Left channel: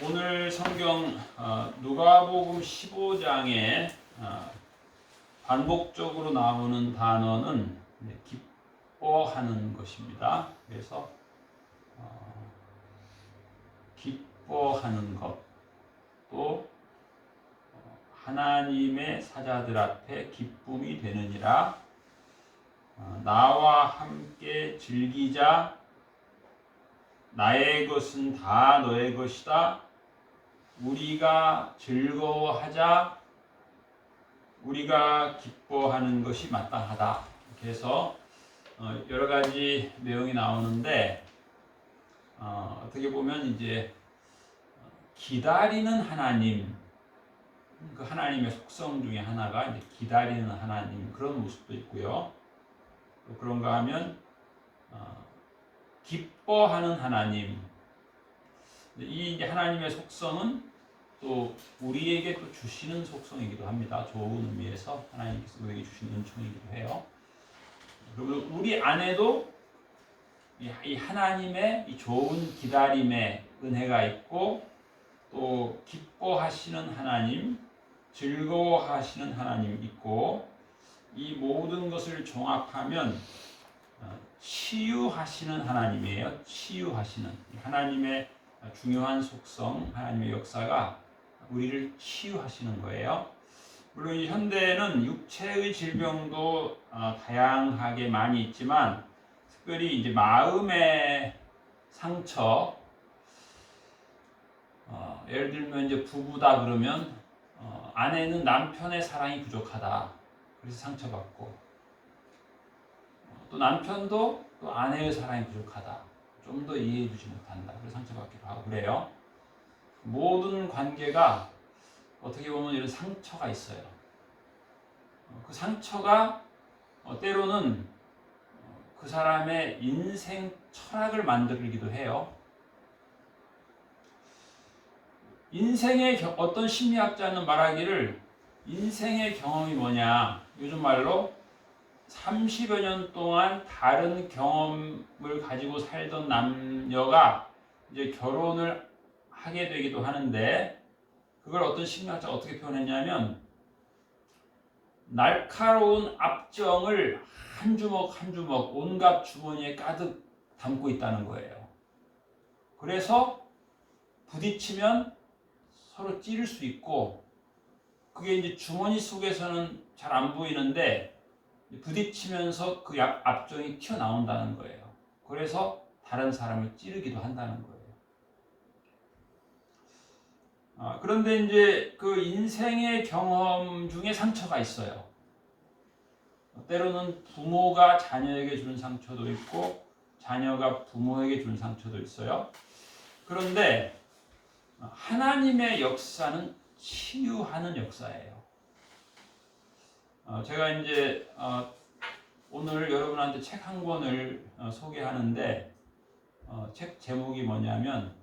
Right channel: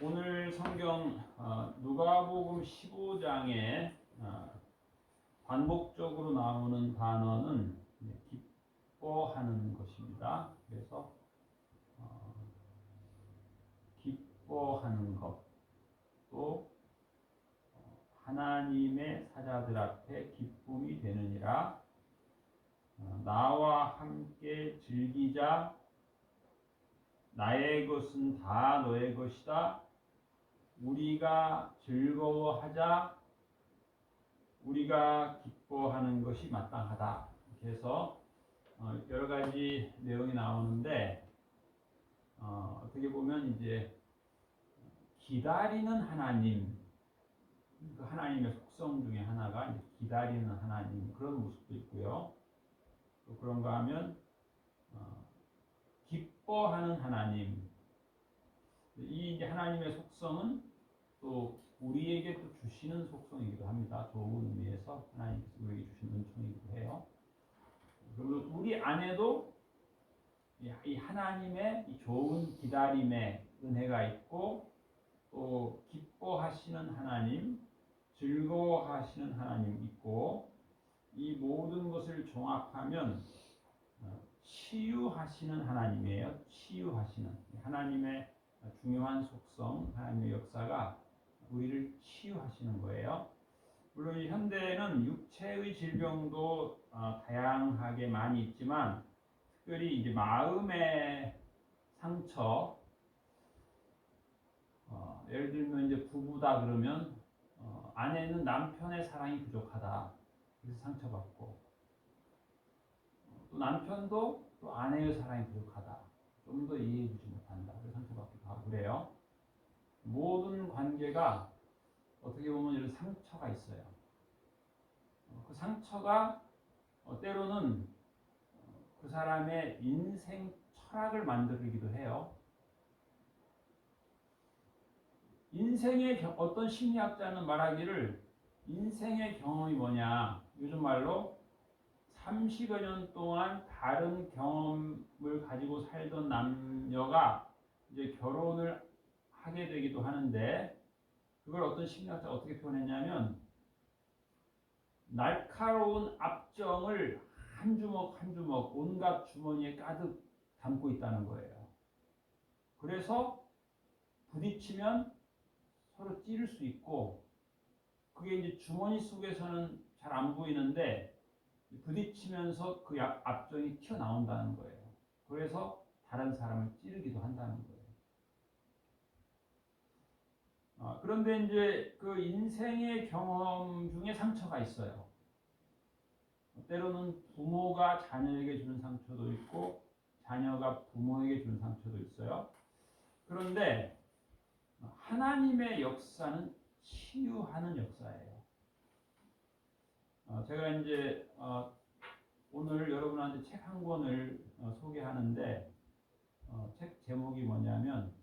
오늘 성경 누가복음 15장에 반복적으로 나오는 단어는 기뻐하는 것입니다. 그래서 기뻐하는 것, 또 하나님의 사자들 앞에 기쁨이 되느니라. 나와 함께 즐기자. 나의 것은 다 너의 것이다. 우리가 즐거워하자. 우리가 기뻐하는 것이 마땅하다. 그래서 여러 가지 내용이 나오는데 어떻게 보면 이제 기다리는 하나님, 그 하나님의 속성 중에 하나가 이제 기다리는 하나님, 그런 모습도 있고요. 또 그런가 하면 기뻐하는 하나님, 이 이제 하나님의 속성은 또 우리에게 또 주시는 속성이기도 합니다. 좋은 의미에서 하나님께서 우리에게 주시는 은총이기도 해요. 그리고 우리 안에도 이 하나님의 이 좋은 기다림의 은혜가 있고, 또 기뻐하시는 하나님, 즐거워하시는 하나님 있고, 이 모든 것을 종합하면 치유하시는 하나님이에요. 치유하시는 하나님의 중요한 속성, 하나님의 역사가 우리를 치유하시는 거예요. 물론 이 현대에는 육체의 질병도 다양하게 많이 있지만, 특별히 이제 마음의 상처, 예를 들면 이제 부부다 그러면 아내는 남편의 사랑이 부족하다, 그래서 상처받고, 또 남편도 또 아내의 사랑이 부족하다, 좀 더 이해해주지 못한다, 그래서 상처받기도 하고 그래요. 모든 관계가 어떻게 보면 이런 상처가 있어요. 그 상처가 때로는 그 사람의 인생 철학을 만들기도 해요. 인생의 어떤 심리학자는 말하기를, 인생의 경험이 뭐냐, 요즘 말로 30여 년 동안 다른 경험을 가지고 살던 남녀가 이제 결혼을 하게 되기도 하는데, 그걸 어떤 심리학자가 어떻게 표현했냐면, 날카로운 압정을 한 주먹 한 주먹 온갖 주머니에 가득 담고 있다는 거예요. 그래서 부딪히면 서로 찌를 수 있고, 그게 이제 주머니 속에서는 잘 안 보이는데 부딪히면서 그 압정이 튀어나온다는 거예요. 그래서 다른 사람을 찌르기도 한다는 거예요. 그런데 이제 그 인생의 경험 중에 상처가 있어요. 때로는 부모가 자녀에게 주는 상처도 있고, 자녀가 부모에게 주는 상처도 있어요. 그런데 하나님의 역사는 치유하는 역사예요. 제가 이제 오늘 여러분한테 책 한 권을 소개하는데, 책 제목이 뭐냐면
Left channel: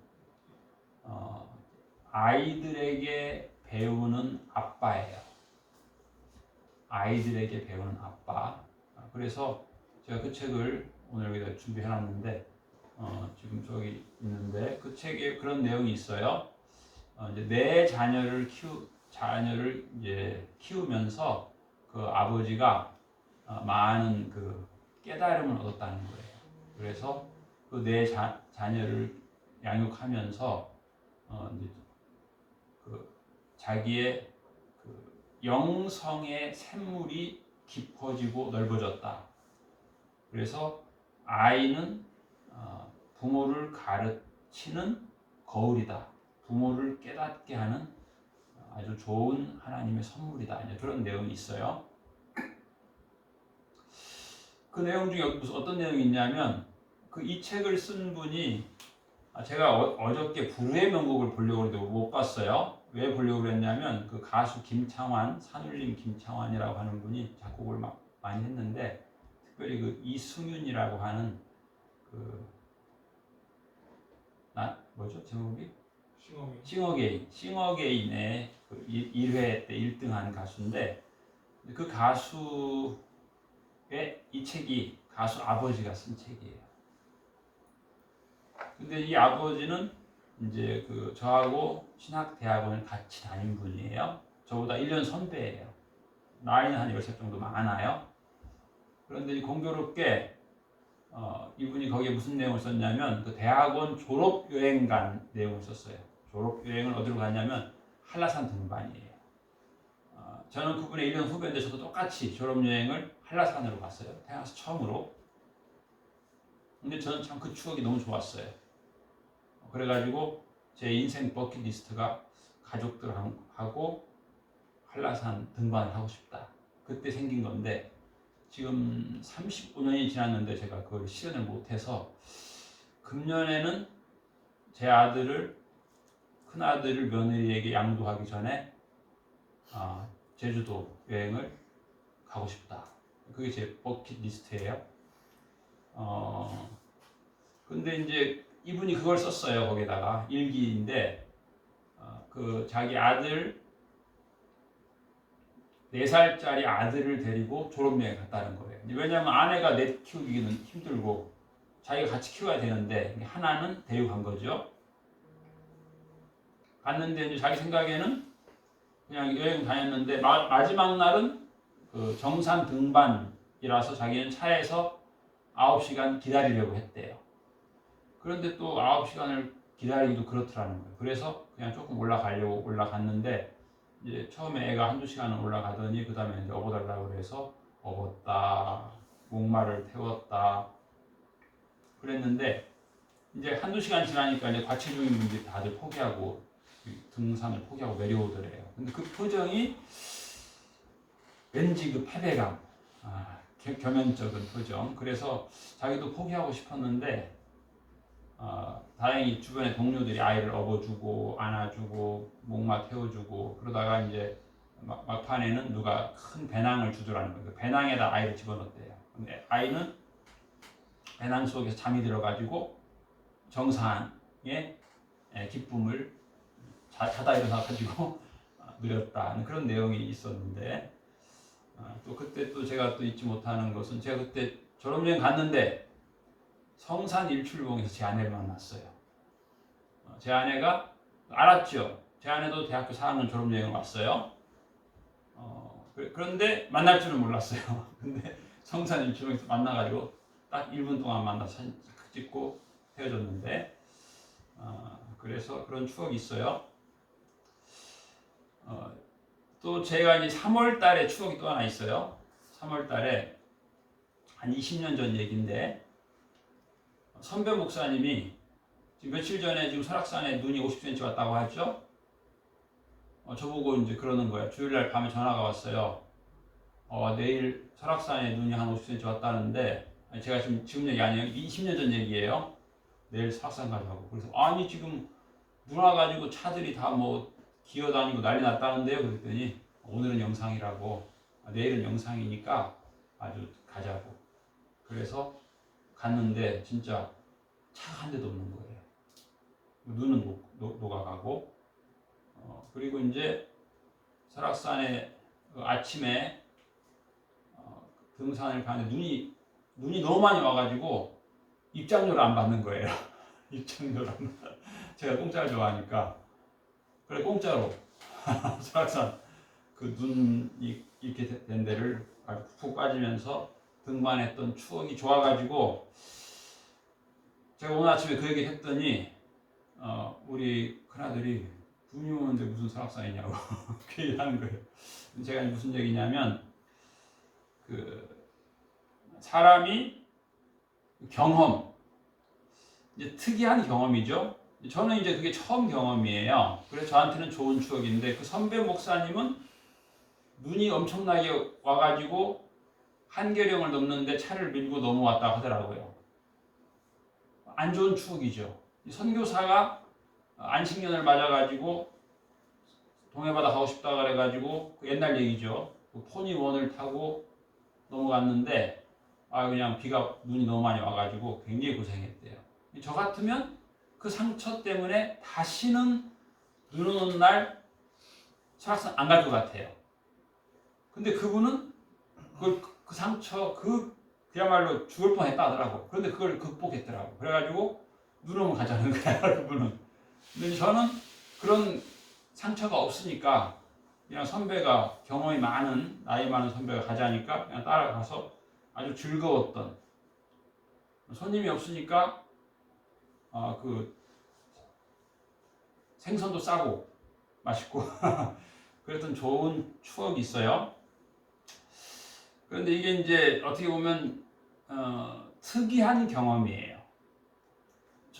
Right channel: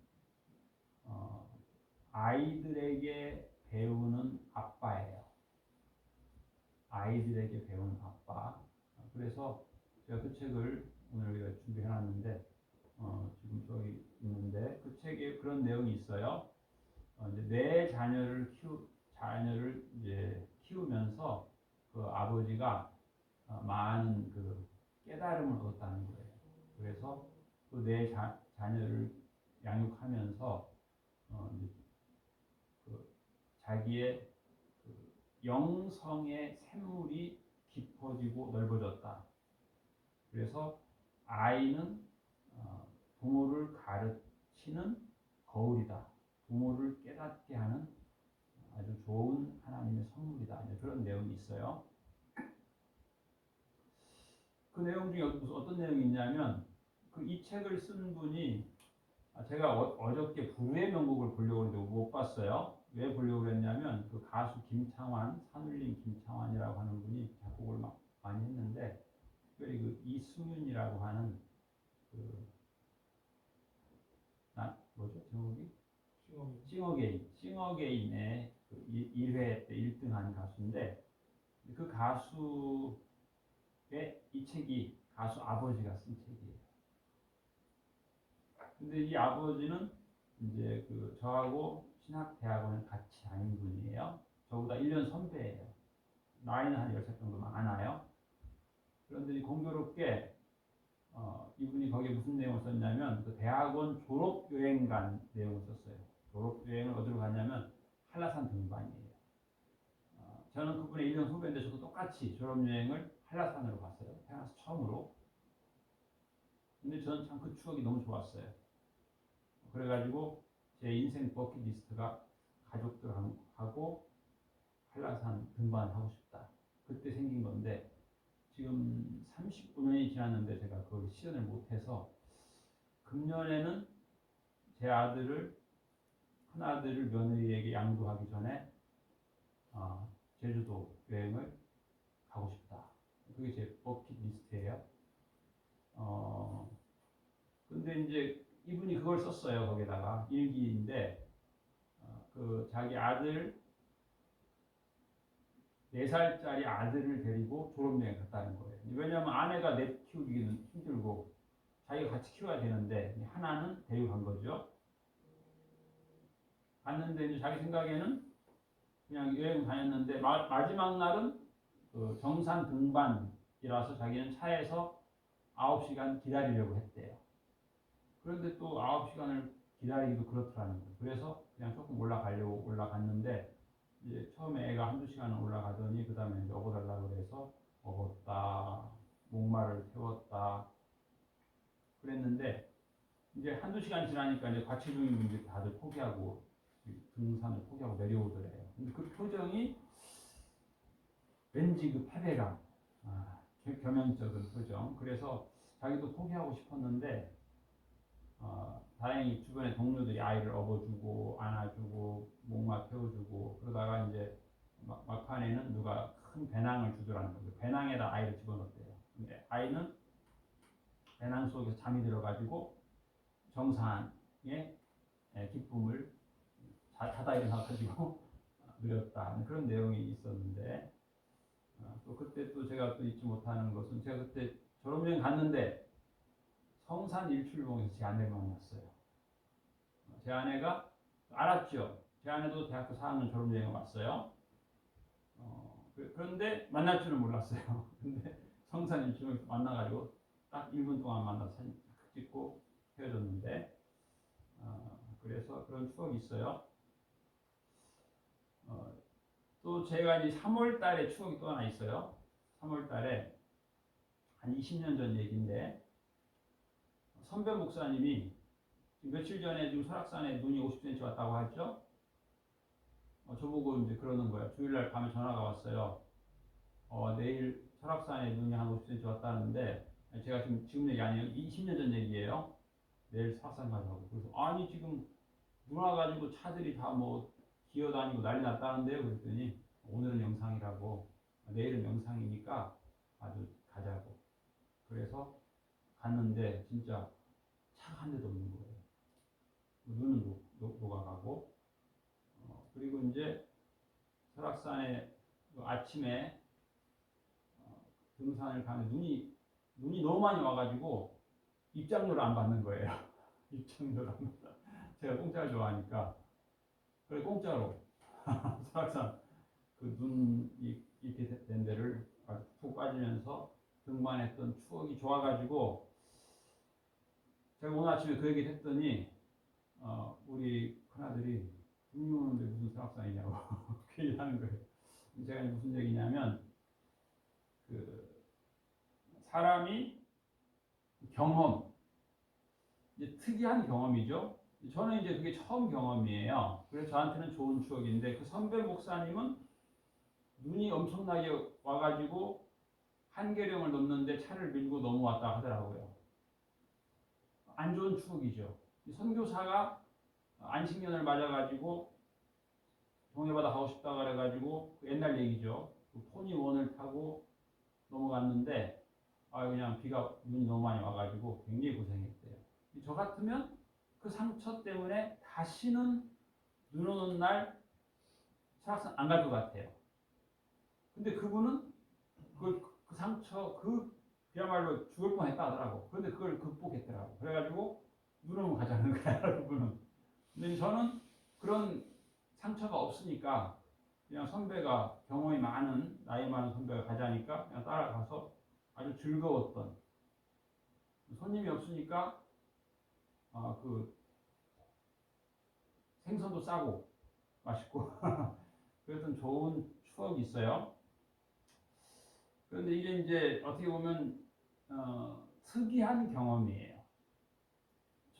아이들에게 배우는 아빠예요. 아이들에게 배우는 아빠. 그래서 제가 그 책을 오늘 여기다 준비해놨는데, 지금 저기 있는데, 그 책에 그런 내용이 있어요. 이제 내 자녀를 이제 키우면서 그 아버지가 많은 그 깨달음을 얻었다는 거예요. 그래서 그 내 자녀를 양육하면서 이제 그 자기의 그 영성의 샘물이 깊어지고 넓어졌다. 그래서 아이는 부모를 가르치는 거울이다. 부모를 깨닫게 하는 아주 좋은 하나님의 선물이다. 이제 그런 내용이 있어요. 그 내용 중에 무슨 어떤 내용이 있냐면, 그 이 책을 쓴 분이, 제가 어저께 불후의 명곡을 보려고 했는데 못 봤어요. 왜 보려고 그랬냐면, 그 가수 김창완, 산울림 김창완이라고 하는 분이 작곡을 많이 했는데, 특별히 그 이승윤이라고 하는 뭐죠 제목이? 싱어게인의 그 1회 때 1등한 가수인데, 그 가수의 이 책이 가수 아버지가 쓴 책이에요. 근데 이 아버지는 이제 그 저하고 신학대학원을 같이 다닌 분이에요. 저보다 1년 선배예요. 나이는 한 10살 정도 많아요. 그런데 공교롭게 이분이 거기에 무슨 내용을 썼냐면 그 대학원 졸업 여행 간 내용을 썼어요. 졸업 여행을 어디로 갔냐면 한라산 등반이에요. 저는 그분의 1년 후배인데 저도 똑같이 졸업 여행을 한라산으로 갔어요. 태어나서 처음으로. 근데 저는 참 그 추억이 너무 좋았어요. 그래가지고 제 인생 버킷리스트가 가족들하고 한라산 등반을 하고 싶다. 그때 생긴 건데 지금 35년이 지났는데 제가 그걸 실현을 못해서 금년에는 제 큰아들을 며느리에게 양도하기 전에 제주도 여행을 가고 싶다. 그게 제 버킷리스트예요. 근데 이제 이분이 그걸 썼어요. 거기다가 일기인데 그 자기 아들 4살짜리 아들을 데리고 졸업여행 갔다는 거예요. 왜냐하면 아내가 넷 키우기는 힘들고 자기가 같이 키워야 되는데 하나는 데리고 간 거죠. 갔는데 이제 자기 생각에는 그냥 여행 다녔는데 마지막 날은 그 정상 등반이라서 자기는 차에서 9시간 기다리려고 했대요. 그런데 또 9시간을 기다리기도 그렇더라는 거예요. 그래서 그냥 조금 올라가려고 올라갔는데 이제 처음에 애가 1~2시간을 올라가더니 그 다음에 이제 업어달라고 그래서 업었다, 목마를 태웠다 그랬는데 이제 1~2시간 지나니까 이제 과체중인 분들이 다들 포기하고 등산을 포기하고 내려오더래요. 근데 그 표정이 왠지 그 패배감, 겸연쩍은 표정. 그래서 자기도 포기하고 싶었는데 다행히 주변에 동료들이 아이를 업어주고 안아주고 목마 태워주고 그러다가 이제 막판에는 누가 큰 배낭을 주더라는 거예요. 그 배낭에다 아이를 집어넣었대요. 근데 아이는 배낭 속에서 잠이 들어가지고 정상의 기쁨을 자다 일어나가지고 누렸다 그런 내용이 있었는데 또 그때 또 제가 또 잊지 못하는 것은 제가 그때 졸업여행 갔는데 성산 일출봉에서 제 아내를 만났어요. 제 아내가 알았죠. 제 아내도 대학교 4학년 졸업여행을 왔어요. 그런데 만날 줄은 몰랐어요. 근데 성산 일출봉에서 만나가지고 딱 1분 동안 만나서 사진 찍고 헤어졌는데 그래서 그런 추억이 있어요. 또 제가 이제 3월 달에 추억이 또 하나 있어요. 3월 달에 한 20년 전 얘기인데 선배 목사님이 지금 며칠 전에 지금 설악산에 눈이 50cm 왔다고 하죠. 저보고 이제 그러는 거예요. 주일날 밤에 전화가 왔어요. 내일 설악산에 눈이 한 50cm 왔다는데 제가 지금 얘기 아니에요. 20년 전 얘기예요. 내일 설악산 가자고. 그래서 아니 지금 눈 와가지고 차들이 다 뭐 기어다니고 난리 났다는데요. 그랬더니 오늘은 영상이라고 내일은 영상이니까 아주 가자고. 그래서 갔는데 진짜 차가 한 대도 없는 거예요. 눈은 녹아가고 그리고 이제 설악산에 아침에 등산을 가는데 눈이 너무 많이 와가지고 입장료를 안 받는 거예요. 입장료를 안 받. 제가 공짜를 좋아하니까 그래 공짜로 설악산 그 눈이 이렇게 된 데를 아주 푹 빠지면서 등반했던 추억이 좋아가지고 제가 오늘 아침에 그 얘기 했더니 우리 큰아들이 눈이 오는데 무슨 설악산이냐고 그 얘기하는 거예요. 제가 무슨 얘기냐면 그 사람이 경험 이제 특이한 경험이죠. 저는 이제 그게 처음 경험이에요. 그래서 저한테는 좋은 추억인데 그 선배 목사님은 눈이 엄청나게 와가지고 한계령을 넘는데 차를 밀고 넘어왔다 하더라고요. 안 좋은 추억이죠. 선교사가 안식년을 맞아가지고 동해바다 가고 싶다 그래가지고 그 옛날 얘기죠. 그 포니원을 타고 넘어갔는데 그냥 눈이 너무 많이 와가지고 굉장히 고생했대요. 저 같으면 그 상처 때문에 다시는 눈 오는 날 설악산 안 갈 것 같아요. 근데 그분은 그 상처 그야말로 죽을 뻔했다 하더라고. 그런데 그걸 극복했더라고. 그래가지고 눈 오면 가자는 거야. 그분은 근데 저는 그런 상처가 없으니까 그냥 선배가 경험이 많은 나이 많은 선배가 가자니까 그냥 따라가서 아주 즐거웠던 손님이 없으니까 그 생선도 싸고 맛있고 그랬던 좋은 추억이 있어요. 그런데 이게 이제 어떻게 보면 특이한 경험이에요.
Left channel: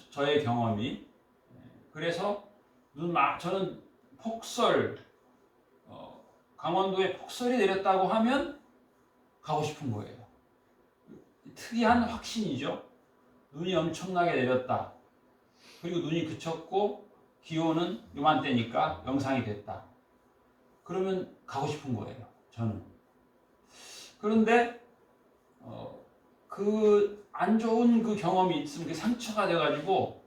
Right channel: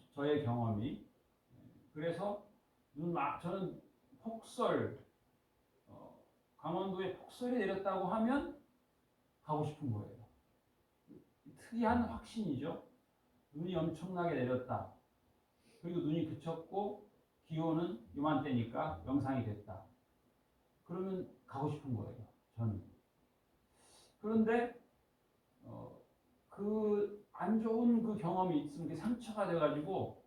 저의 경험이. 그래서 저는 폭설 강원도에 폭설이 내렸다고 하면 가고 싶은 거예요. 특이한 확신이죠. 눈이 엄청나게 내렸다. 그리고 눈이 그쳤고 기온은 요맘때니까 영상이 됐다. 그러면 가고 싶은 거예요. 저는. 그런데 그 안 좋은 그 경험이 있으면 그 상처가 돼가지고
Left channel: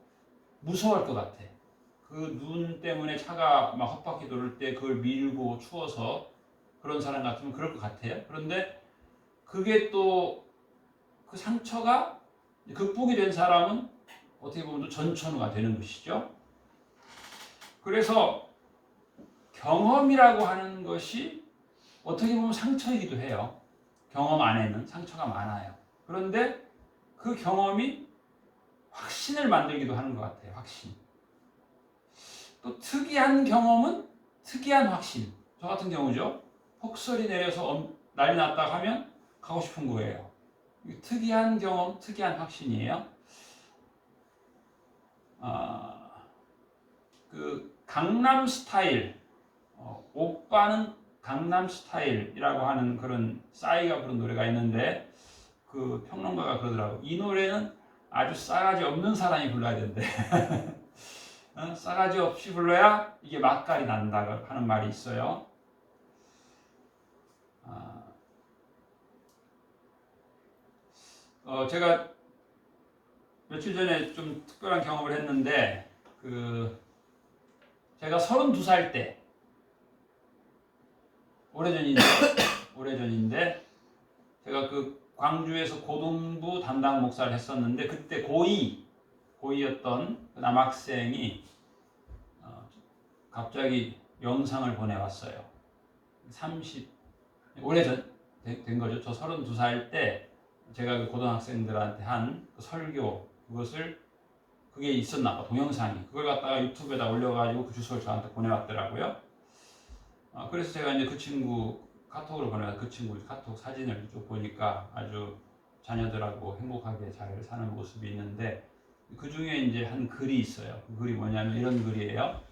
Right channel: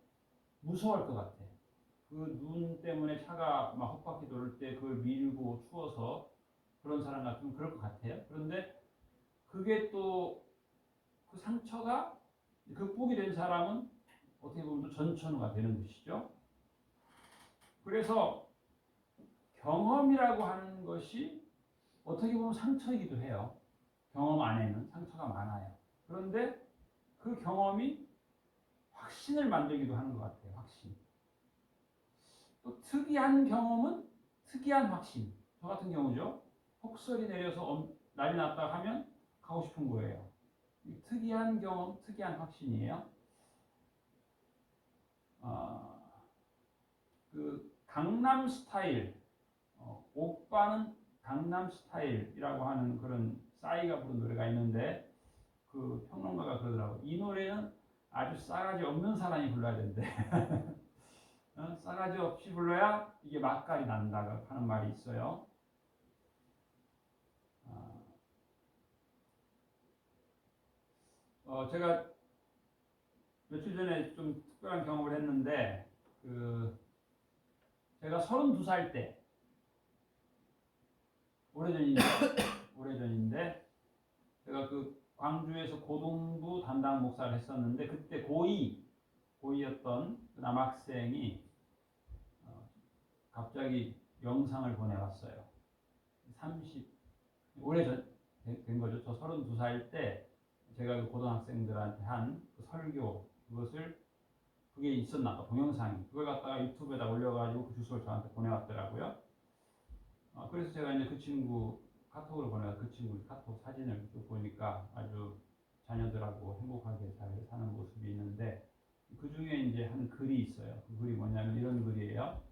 무서워할 것 같아. 그 눈 때문에 차가 막 헛바퀴 돌을 때 그걸 밀고 추워서 그런 사람 같으면 그럴 것 같아요. 그런데 그게 또 그 상처가 극복이 된 사람은 어떻게 보면 또 전천후가 되는 것이죠. 그래서 경험이라고 하는 것이 어떻게 보면 상처이기도 해요. 경험 안에는 상처가 많아요. 그런데 그 경험이 확신을 만들기도 하는 것 같아요. 확신. 또 특이한 경험은 특이한 확신. 저 같은 경우죠. 폭설이 내려서 난리 났다 하면 가고 싶은 거예요. 특이한 경험, 특이한 확신이에요. 그 강남 스타일, 오빠는 강남 스타일이라고 하는 그런 싸이가 부른 노래가 있는데 그 평론가가 그러더라고. 이 노래는 아주 싸가지 없는 사람이 불러야 된대. 싸가지 없이 불러야 이게 맛깔이 난다 하는 말이 있어요. 제가 며칠 전에 좀 특별한 경험을 했는데 제가 32살 때 오래전인데 제가 그 광주에서 고등부 담당 목사를 했었는데 그때 고이였던 남학생이 갑자기 영상을 보내왔어요. 오래전 된 거죠. 저 32살 때 제가 그 고등학생들한테 한 그 설교 그게 있었나 봐. 동영상이. 그걸 갖다가 유튜브에다 올려가지고 그 주소를 저한테 보내왔더라고요. 그래서 제가 이제 그 친구 카톡으로 보내서 그 친구 카톡 사진을 쭉 보니까 아주 자녀들하고 행복하게 잘 사는 모습이 있는데 그 중에 이제 한 글이 있어요. 그 글이 뭐냐면 이런 글이에요.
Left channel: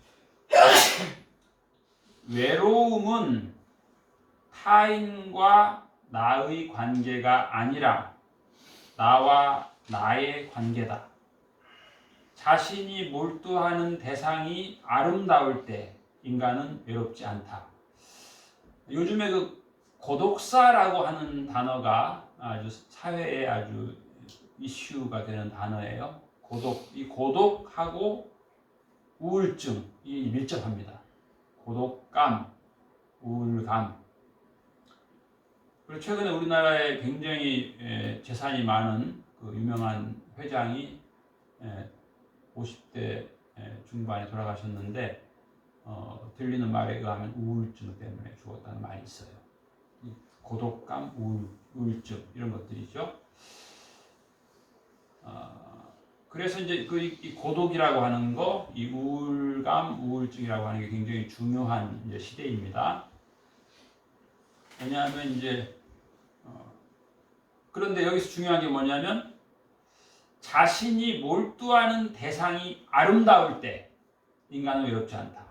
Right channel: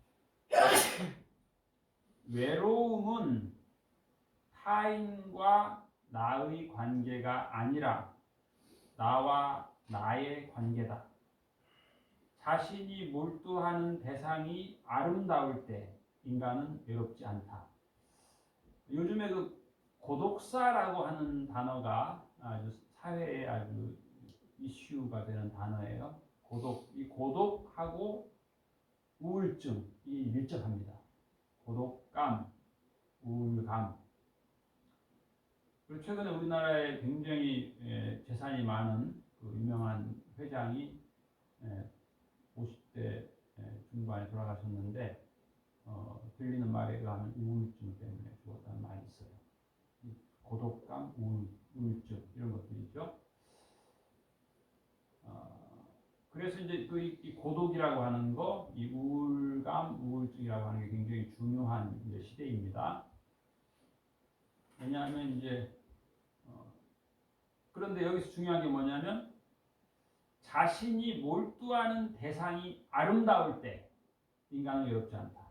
외로움은 타인과 나의 관계가 아니라 나와 나의 관계다. 자신이 몰두하는 대상이 아름다울 때 인간은 외롭지 않다. 요즘에 그 고독사라고 하는 단어가 아주 사회에 아주 이슈가 되는 단어예요. 이 고독하고 우울증이 밀접합니다. 고독감, 우울감. 그리고 최근에 우리나라에 굉장히 재산이 많은 그 유명한 회장이 50대 중반에 돌아가셨는데 들리는 말에 의하면 우울증 때문에 죽었다는 말이 있어요. 고독감, 우울증 이런 것들이죠. 그래서 이제 이 고독이라고 하는 거, 이 우울감, 우울증이라고 하는 게 굉장히 중요한 이제 시대입니다. 왜냐하면 이제 그런데 여기서 중요한 게 뭐냐면 자신이 몰두하는 대상이 아름다울 때 인간은 외롭지 않다.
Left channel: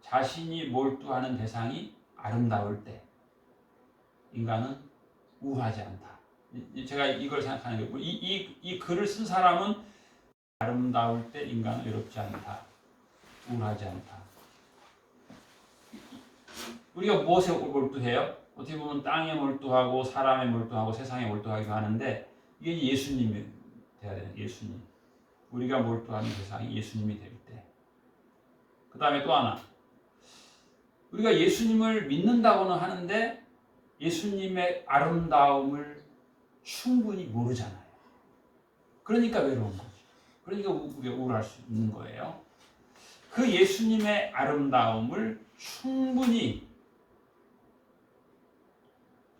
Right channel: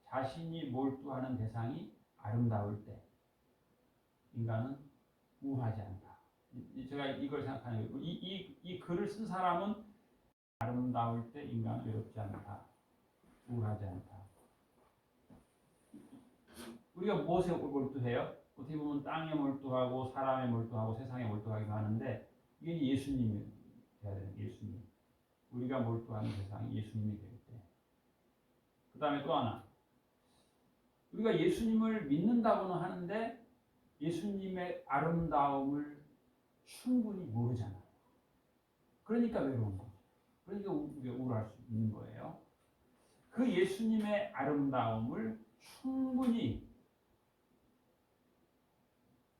자신이 몰두하는 대상이 아름다울 때 인간은 우울하지 않다. 제가 이걸 생각하는 거고 이 글을 쓴 사람은 아름다울 때 인간은 외롭지 않다. 우울하지 않다. 우리가 무엇에 몰두해요? 어떻게 보면 땅에 몰두하고 사람에 몰두하고 세상에 몰두하기도 하는데 이게 예수님이 돼야 되는 예수님. 우리가 몰두하는 대상이 예수님이 될 때. 그 다음에 또 하나. 우리가 예수님을 믿는다고는 하는데 예수님의 아름다움을 충분히 모르잖아요. 그러니까 외로운 거죠. 그러니까 우리가 우울할 수 있는 거예요. 그 예수님의 아름다움을 충분히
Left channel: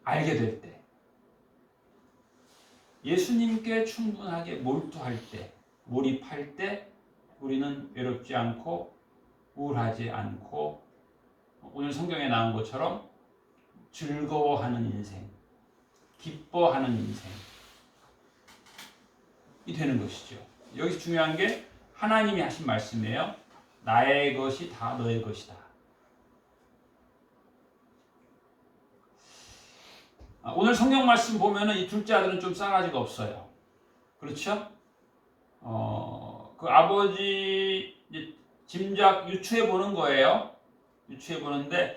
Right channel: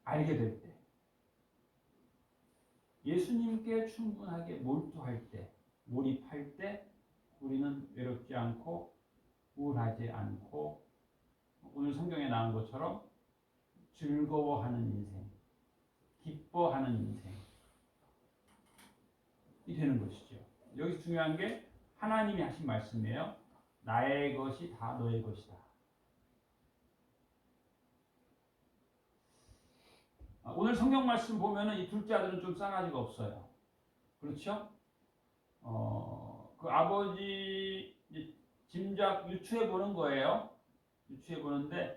알게 될 때, 예수님께 충분하게 몰두할 때, 몰입할 때 우리는 외롭지 않고 우울하지 않고 오늘 성경에 나온 것처럼 즐거워하는 인생, 기뻐하는 인생이 되는 것이죠. 여기서 중요한 게 하나님이 하신 말씀이에요. 나의 것이 다 너의 것이다. 오늘 성경 말씀 보면은 이 둘째 아들은 좀 싸가지가 없어요. 그렇죠? 그 아버지 짐작 유추해 보는 거예요. 유추해 보는데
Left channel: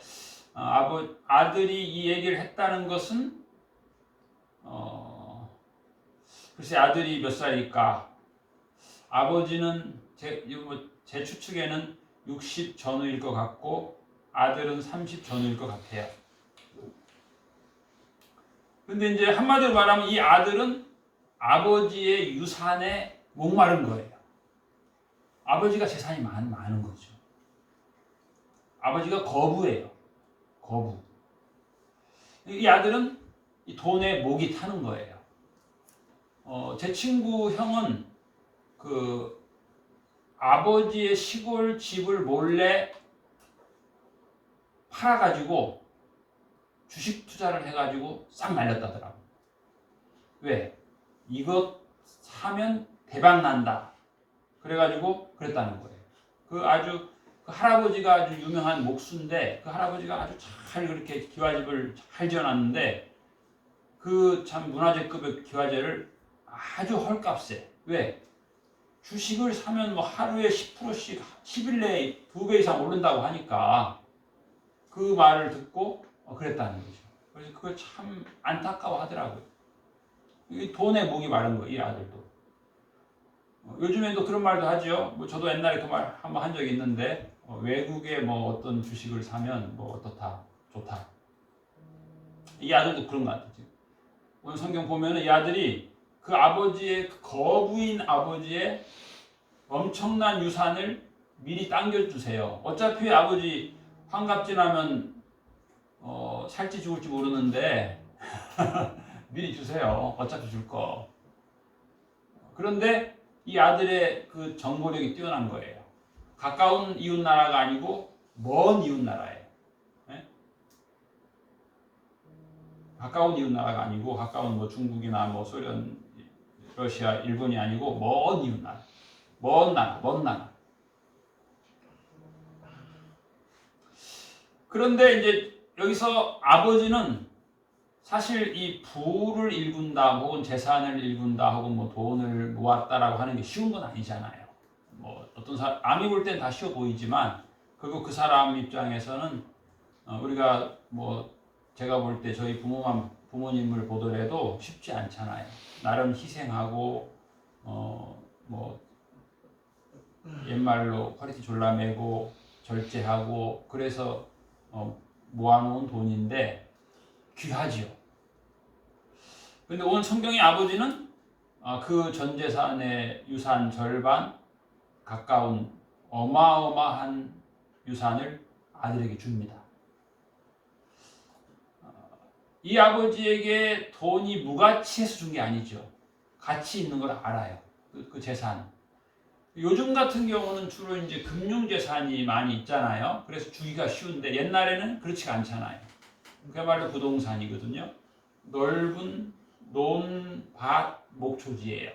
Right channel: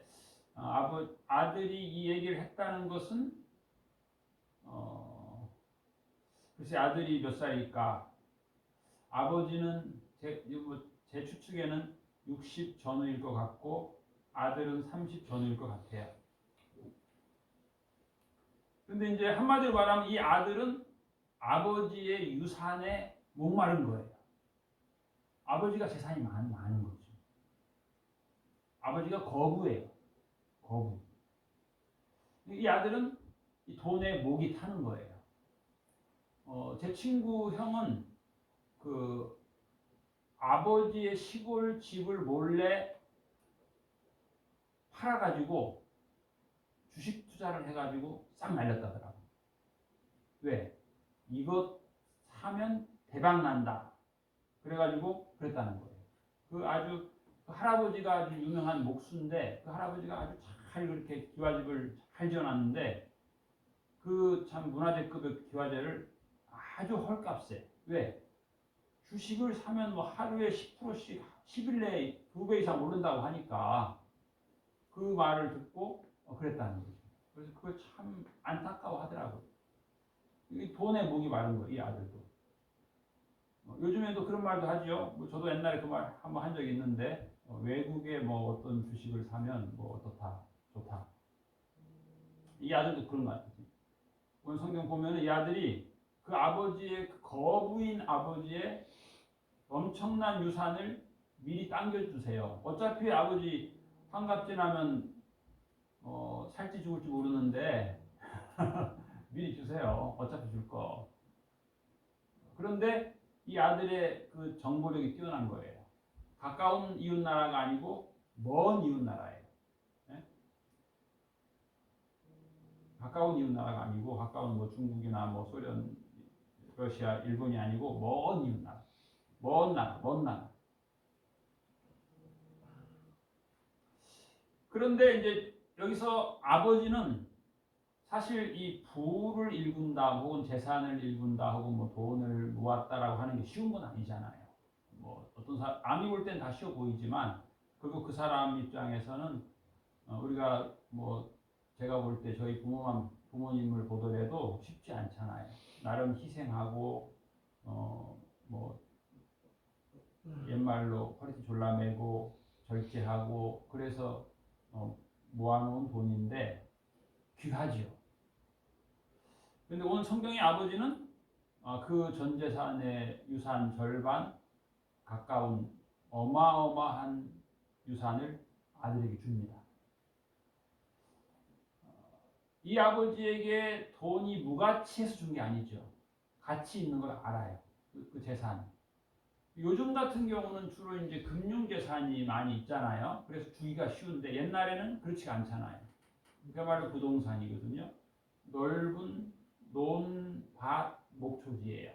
아들이 이 얘기를 했다는 것은 글쎄 아들이 몇 살일까? 아버지는 제 추측에는 60 전후일 것 같고 아들은 30 전후일 것 같아요. 근데 이제 한마디로 말하면 이 아들은 아버지의 유산에 목마른 거예요. 아버지가 재산이 많은 거죠. 아버지가 거부예요. 거부. 이 아들은 이 돈에 목이 타는 거예요. 제 친구 형은 그 아버지의 시골 집을 몰래 팔아가지고 주식 투자를 해가지고 싹 날렸다더라고. 왜? 이것 사면 대박 난다. 그래가지고 그랬다는 거예요. 그 할아버지가 아주 유명한 목수인데 그 할아버지가 아주 잘 그렇게 기와집을 잘 지어놨는데 그 참 문화재급의 기와제를 아주 헐값에. 왜? 주식을 사면 뭐 하루에 10%씩 10일 내에 2배 이상 오른다고 하니까 그 말을 듣고 그랬다는 거죠. 그래서 그걸 참 안타까워 하더라고요. 돈에 목이 마른 거예요, 이 아들도. 요즘에도 그런 말도 하죠. 뭐 저도 옛날에 그 말 한번 한 적이 있는데 외국에 뭐 어떤 주식을 사면 뭐 어떻다, 좋다. 이 아들도 그런 것 같아요. 오늘 성경 보면은 이 아들이 그 아버지의 그 거부인 아버지의 엄청난 유산을 미리 당겨주세요. 어차피 아버지 환갑 지나면 살지 죽을지 모르는데 미리 주세요. 어차피 줄 거. 그런데 이 아들의 그 정보력이 뛰어난 거예요. 가까운 이웃 나라가 아니고 먼 이웃 나라예요. 네? 가까운 이웃 나라가 아니고 가까운 뭐 중국이나 뭐 소련, 러시아, 일본이 아니고 먼 이웃 나라. 먼 나라. 그런데 이제 여기서 아버지는 사실 이 부를 일군다, 혹은 재산을 일군다, 혹은 뭐 돈을 모았다라고 하는 게 쉬운 건 아니잖아요. 뭐 어떤 사람 남이 볼 땐 다 쉬워 보이지만 그리고 그 사람 입장에서는 우리가 뭐 제가 볼 때 저희 부모님을 보더라도 쉽지 않잖아요. 나름 희생하고 뭐 옛말로 허리띠 졸라매고 절제하고 그래서 모아놓은 돈인데 귀하지요. 근데 오늘 성경의 아버지는 그 전 재산의 유산 절반 가까운 어마어마한 유산을 아들에게 줍니다. 이 아버지에게 돈이 무가치해서 준 게 아니죠. 가치 있는 걸 알아요. 그 재산. 요즘 같은 경우는 주로 이제 금융재산이 많이 있잖아요. 그래서 주기가 쉬운데 옛날에는 그렇지가 않잖아요. 그야말로 부동산이거든요. 넓은 논밭 목초지예요.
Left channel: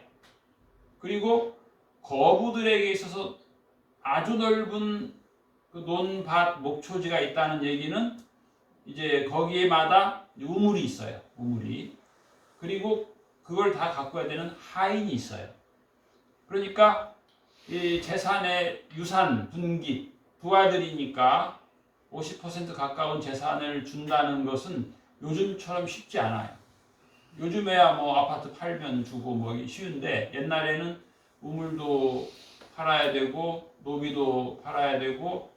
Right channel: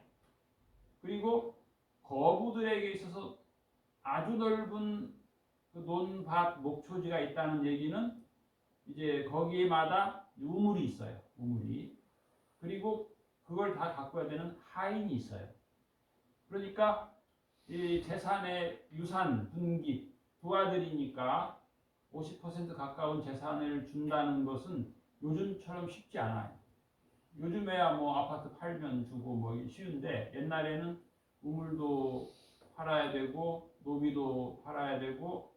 그리고 거부들에게 있어서 아주 넓은 그 논밭 목초지가 있다는 얘기는 이제 거기에마다 우물이 있어요. 우물이. 그리고 그걸 다 가꿔야 되는 하인이 있어요. 그러니까 이 재산의 유산 분기 두 아들이니까 50% 가까운 재산을 준다는 것은 요즘처럼 쉽지 않아요. 요즘에야 뭐 아파트 팔면 주고 뭐 쉬운데 옛날에는 우물도 팔아야 되고 노비도 팔아야 되고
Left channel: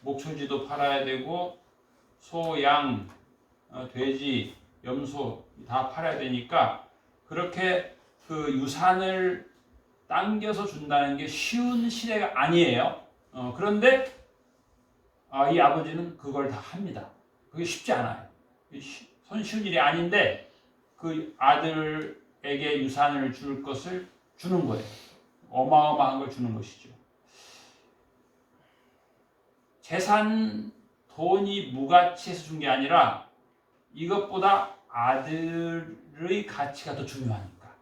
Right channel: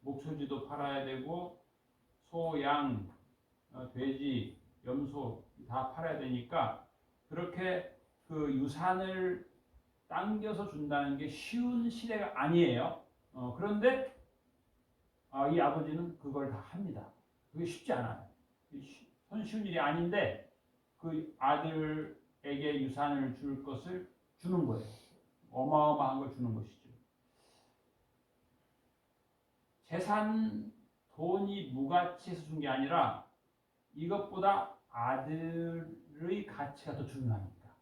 목초지도 팔아야 되고 소, 양, 돼지, 염소 다 팔아야 되니까 그렇게 그 유산을 당겨서 준다는 게 쉬운 시대가 아니에요. 그런데 이 아버지는 그걸 다 합니다. 그게 쉽지 않아요. 손쉬운 일이 아닌데 그 아들에게 유산을 줄 것을 주는 거예요. 어마어마한 걸 주는 것이죠. 재산, 돈이 무가치해서 준 게 아니라 이것보다 아들의 가치가 더 중요하니까.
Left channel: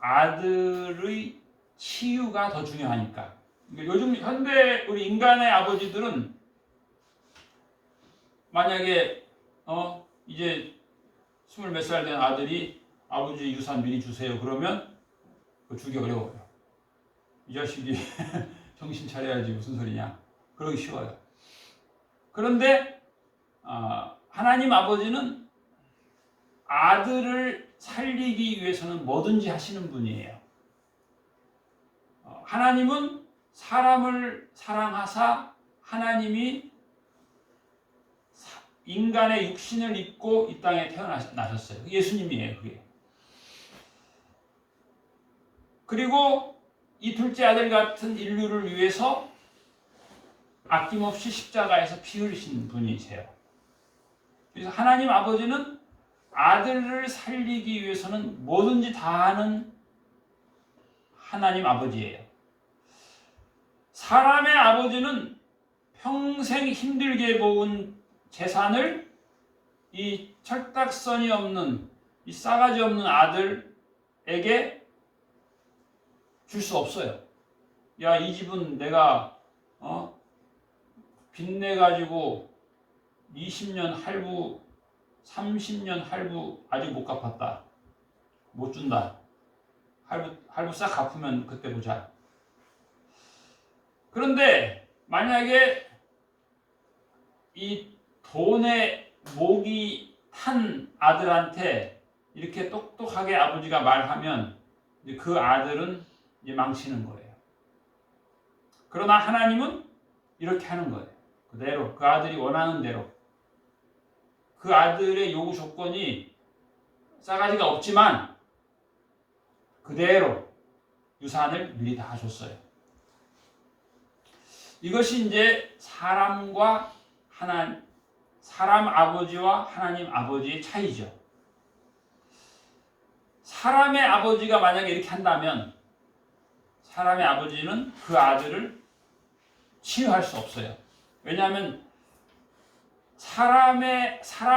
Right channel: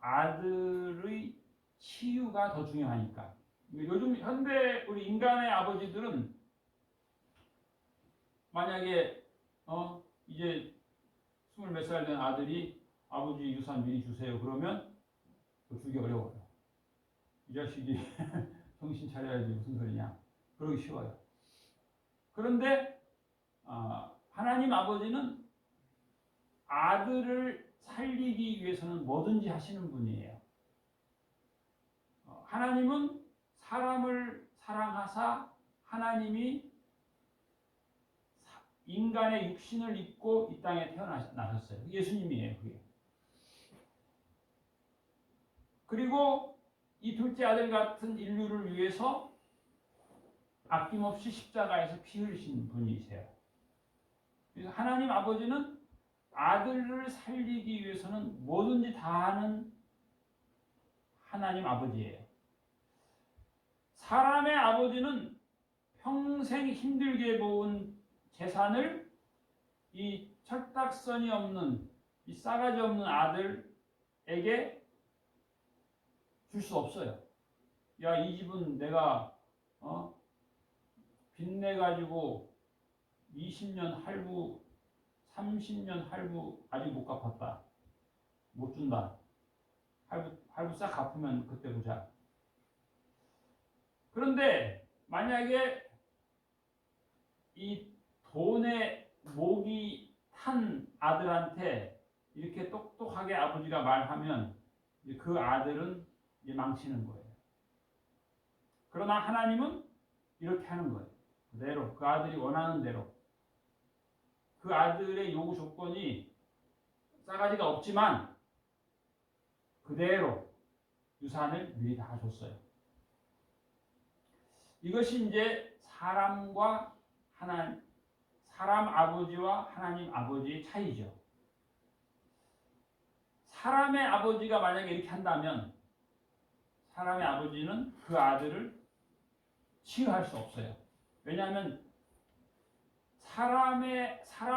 아들의 치유가 더 중요하니까. 요즘 현대 우리 인간의 아버지들은 만약에 이제 20몇 살 된 아들이 아버지 유산 미리 주세요. 그러면 주기 어려워요. 이 자식이 정신 차려야지 무슨 소리냐. 그러기 쉬워요. 그런데 하나님 아버지는 아들을 살리기 위해서는 뭐든지 하시는 분이에요. 하나님은 사람을 사랑하사 하나님이 인간의 육신을 입고 이 땅에 태어나셨어요. 예수님이에요. 그게. 그리고 이 둘째 아들 같은 인류를 위해서 아낌없이 십자가에서 피 흘리신 분이세요. 그래서 하나님 아버지는 아들을 살리기 위해서는 뭐든지 다 하는 하나님 아버지예요. 사람의 아버지는 평생 힘들게 모은 재산을 이 철딱서니 없는 이 싸가지 없는 아들에게 줄 수 없어요. 야, 이 집은 내가 빚내 가지고 20년 할부, 30년 할부 아직 못 갚았다. 못 준다. 할부 싹 갚으면 그때 보자. 그런데 만약에 이 돈에 목이 탄 아들한테 이렇게 똑똑하게 아버지가 말하면 그 아들은 이제 망치는 거예요. 그러나 하나님은 이렇게 하는 거예요. 그대로 그 아들이 원하는 대로. 그 아들의 요구 조건이 싸가지가 없지만 그대로 유산을 미리 다 줬어요. 이것이 이제 사람 아버지와 하나님 아버지의 차이죠. 사람의 아버지가 만약에 이렇게 한다면 사람의 아버지는 그 아들을 치유할 수 없어요. 왜냐하면 사람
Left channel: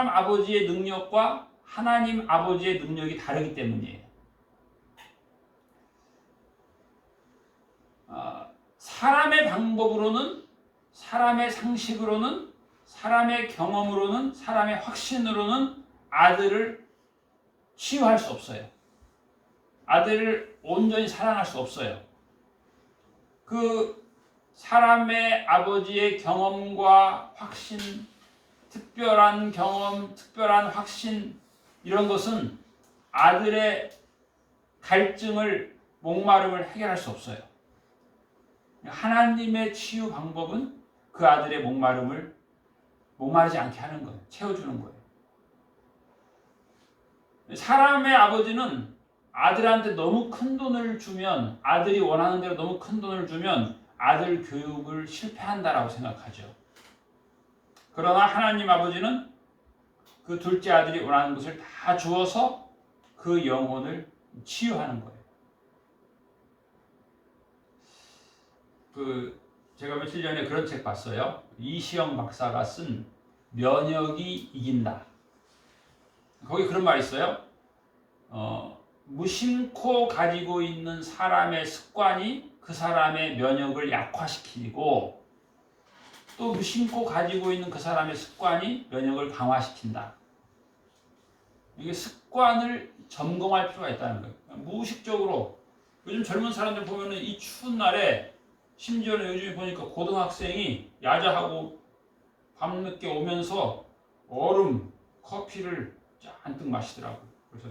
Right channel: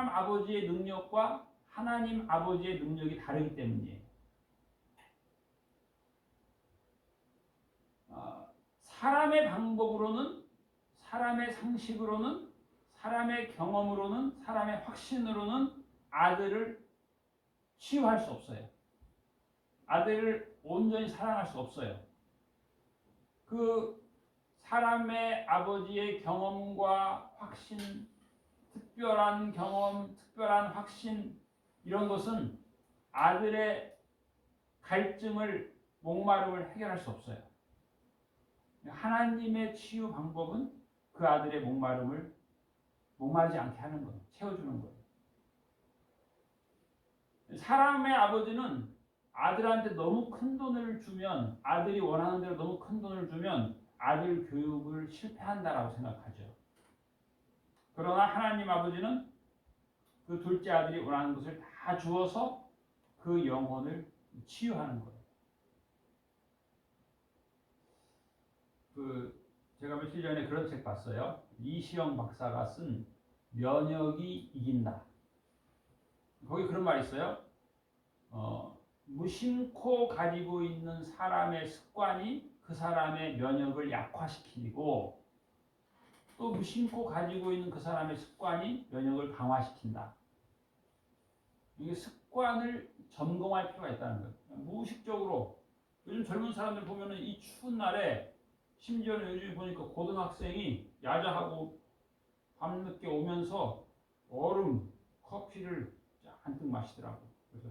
아버지의 능력과 하나님 아버지의 능력이 다르기 때문이에요. 사람의 방법으로는, 사람의 상식으로는, 사람의 경험으로는, 사람의 확신으로는 아들을 치유할 수 없어요. 아들을 온전히 사랑할 수 없어요. 그 사람의 아버지의 경험과 확신, 특별한 경험, 특별한 확신 이런 것은 아들의 갈증을, 목마름을 해결할 수 없어요. 하나님의 치유 방법은 그 아들의 목마르지 않게 하는 거예요. 채워주는 거예요. 사람의 아버지는 아들한테 너무 큰 돈을 주면, 아들이 원하는 대로 너무 큰 돈을 주면 아들 교육을 실패한다라고 생각하죠. 그러나 하나님 아버지는 그 둘째 아들이 원하는 것을 다 주어서 그 영혼을 치유하는 거예요. 제가 며칠 전에 그런 책 봤어요. 이시영 박사가 쓴 면역이 이긴다. 거기 그런 말이 있어요. 무심코 가지고 있는 사람의 습관이 그 사람의 면역을 약화시키고 또 무심코 가지고 있는 그 사람의 습관이 면역을 강화시킨다. 이게 습관을 점검할 필요가 있다는 거예요. 무의식적으로 요즘 젊은 사람들 보면은 이 추운 날에 심지어는 요즘에 보니까 고등학생이 야자하고 밤늦게 오면서 얼음, 커피를 잔뜩 마시더라고. 그래서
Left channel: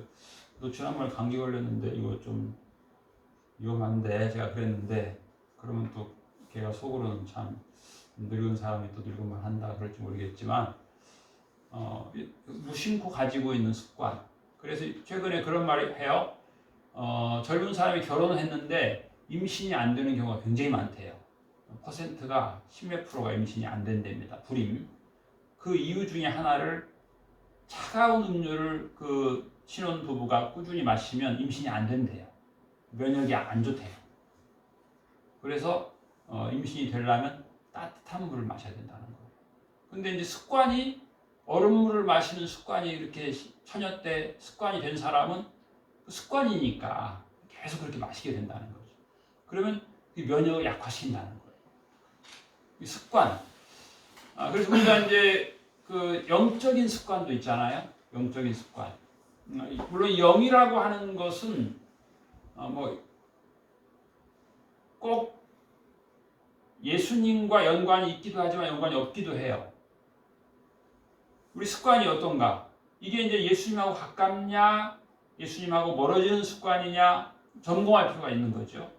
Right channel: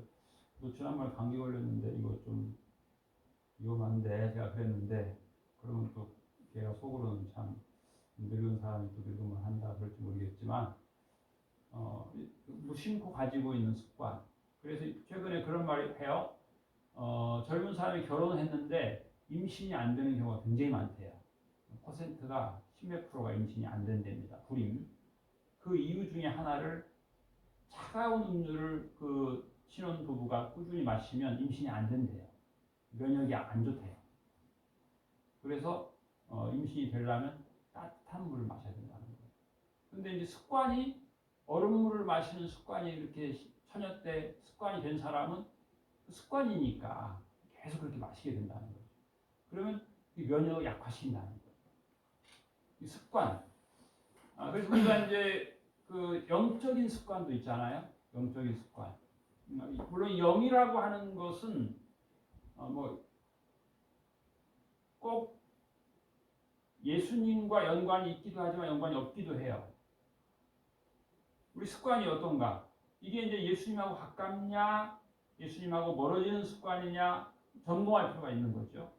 너 지난번에 감기 걸렸는데 이거 좀 위험한데 제가 그랬는데 그러면 또 걔가 속으로는 참 늙은 사람이 또 늙은 말 한다 그럴지 모르겠지만 무심코 가지고 있는 습관. 그래서 최근에 그런 말을 해요. 젊은 사람이 결혼을 했는데 임신이 안 되는 경우가 굉장히 많대요. 퍼센트가 10몇 프로가 임신이 안 된답니다. 불임. 그 이유 중에 하나를 차가운 음료를 그 신혼 부부가 꾸준히 마시면 임신이 안 된대요. 면역이 안 좋대요. 그래서 임신이 되려면 따뜻한 물을 마셔야 된다는 거예요. 근데 이제 습관이 얼음물을 마시는 습관이 이렇게 처녀 때 습관이 된 사람은 그 습관이니까 계속 그렇게 마시게 된다는 거죠. 그러면 면역을 약화시킨다는 거예요. 이 습관. 그래서 우리가 이제 그 영적인 습관도 있잖아요. 영적인 습관. 물론 영이라고 하는 것은 뭐 꼭 예수님과 연관이 있기도 하지만 연관이 없기도 해요. 우리 습관이 어떤가? 이게 이제 예수님하고 가깝냐, 예수님하고 멀어지는 습관이냐 점검할 필요가 있는 거죠.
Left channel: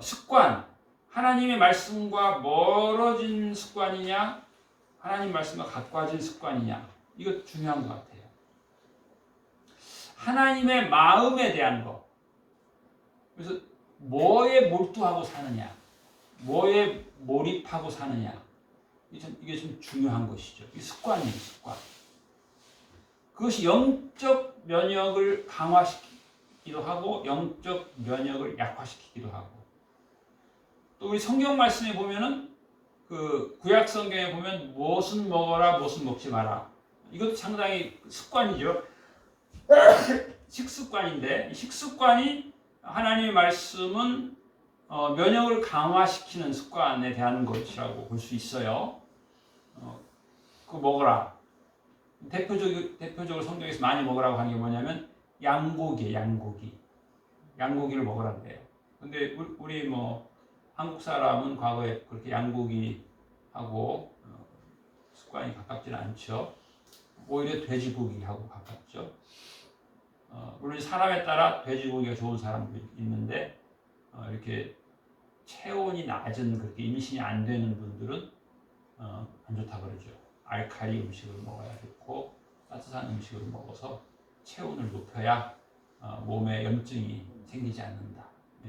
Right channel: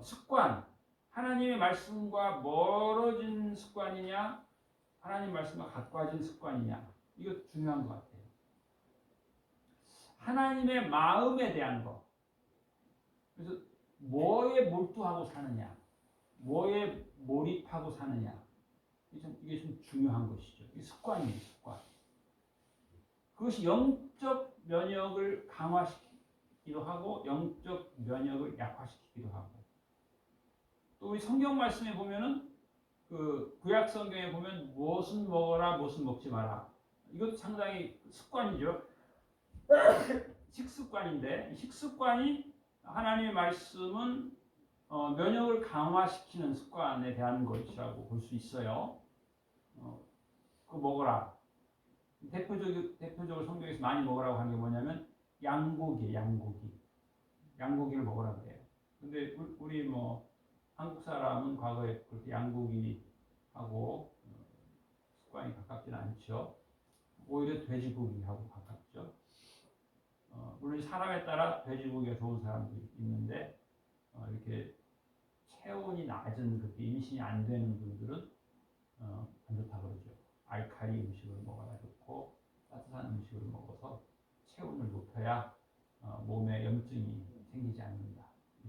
습관, 하나님의 말씀과 멀어진 습관이냐, 하나님 말씀과 가까워진 습관이냐, 이거 중요한 것 같아요. 하나님의 마음에 대한 거. 그래서 뭐에 몰두하고 사느냐, 뭐에 몰입하고 사느냐, 이게 좀 중요한 것이죠. 이 습관이에요, 습관. 그것이 영적 면역을 강화시키기도 하고 영적 면역을 약화시키기도 하고, 또 우리 성경 말씀에 보면은 그 구약 성경에 보면 무엇은 먹어라, 무엇은 먹지 마라. 이것도 상당히 습관이죠. 식습관인데 이 식습관이 하나님의 말씀은 면역을 강화시키는 습관에 대한 것이라고 볼 수 있어요. 그거 먹어라. 대표적으로 성경에서 많이 먹으라고 하는 게 뭐냐면 양고기예요. 양고기를 먹으라 그래요. 근데 우리 뭐 한국 사람은 과거에 그렇게 양고기하고 습관이 가깝지는 않죠. 오히려 돼지고기하고 가깝죠. 물론 사람에 따라 돼지고기가 좋은 사람도 있는데 이렇게 체온이 낮은 그렇게 임신이 안 되는 분들은 안 좋다 그러죠. 알칼리 음식을 먹어야 좋고 따뜻한 음식을 먹어서 체온을 높여야 몸에 염증이 생기지 않는다.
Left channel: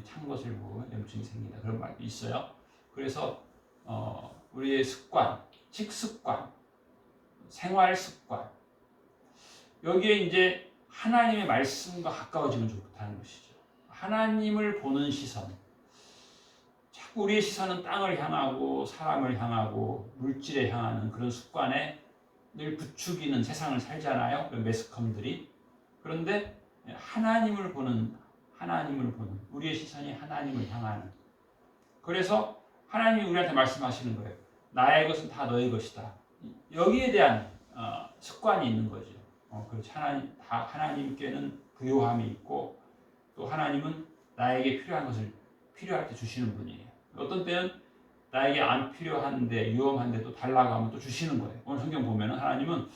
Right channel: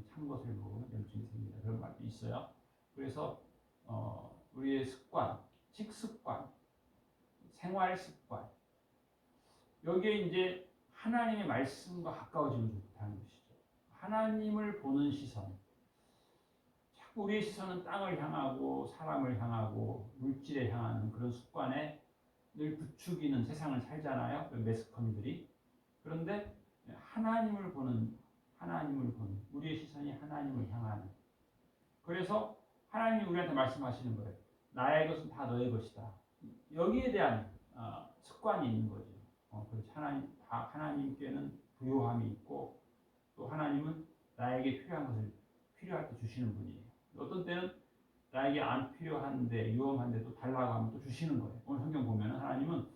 찬 것을 먹으면 염증이 생긴다. 그런 말도 있어요. 그래서 우리의 습관, 식습관, 생활습관, 여기에 이제 하나님의 말씀과 가까워지면 좋다는 것이죠. 하나님을 보는 시선. 자꾸 우리의 시선은 땅을 향하고 사람을 향하고 물질에 향하는 그런 습관에 늘 부추기는 세상을 살잖아요. 매스컴들이. 그런데 하나님을 보는 우리의 시선이 하나님을 향하는. 그래서 하나님이 우리한테 말씀하시는 거예요. 나의 것은 다 너의 것이다. 여기에 대한 습관이 있는 거죠. 그렇지. 하나님께는 부요함이 있고 또 하나님은 나에게 필요한 것을 필요할 때 주시는 분이에요. 어떤 때는 나에게 안 필요한데 위험한데 또 달라고 하면 또 주시는 거예요. 오늘 성경 보면은 하나님은